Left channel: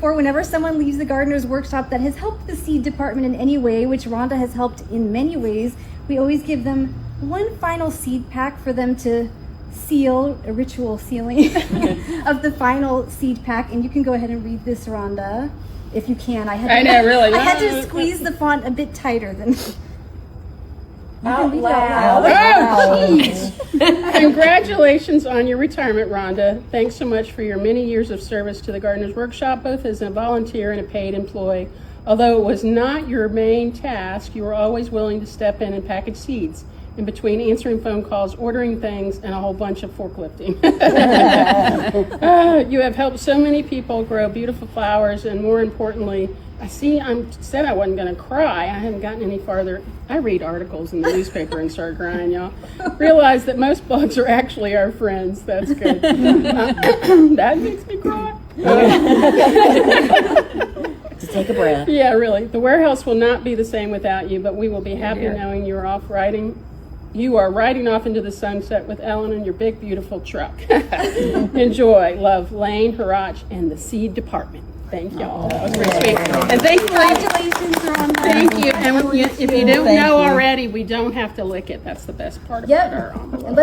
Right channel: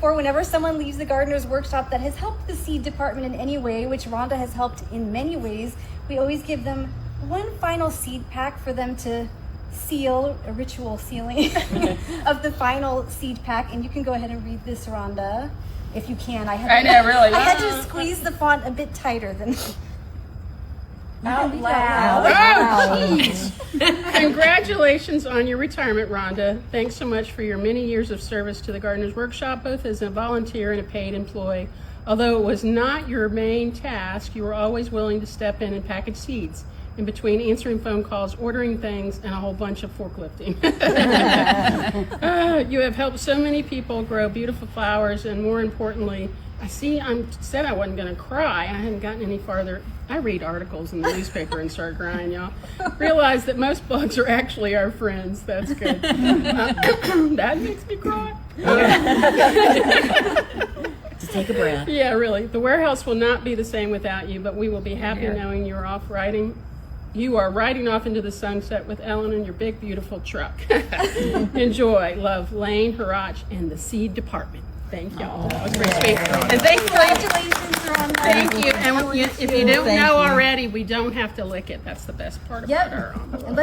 For whenever someone leaves the gardener's workshop that has helped the seed department in any way, which Rhonda has helped in many ways, we always give them one final seed pack for them to seal, a ritual sealing of the final seed pack. And you can go ahead and read this, Rhonda, if you can. I had to squeeze the font a bit tighter than... Out loud. Oh, jeez. Congratulations on your retirement, Rhonda. Thanks so much for your many years of service to the Gardener's Workshop, both as a volunteer and a paid employee. Although it was not your main task, you were always willing to step in and package seeds in between answering phone calls, ordering things, and a whole bunch of forklifting. You have helped so many people grow beautiful flowers, and more importantly, I said I wasn't going to cry. I haven't gotten any farther. I read articles in the newspaper and start crying, y'all. Realize that most bugs are actually our friends. That's good. That makes me cry. Just take a breath. Yeah, really. The warehouse will not be the same without you, but we will be happy knowing you are riding off into the sunset with Ellen in your big, beautiful truck. Enjoy. Love, Lane, Harach, and the seed department. Thank y'all. That was pretty sweet. And thank you. Congratulations, Rhonda. Thank you. And if you don't know already, we don't have to lick it. That's the best part about our envelope.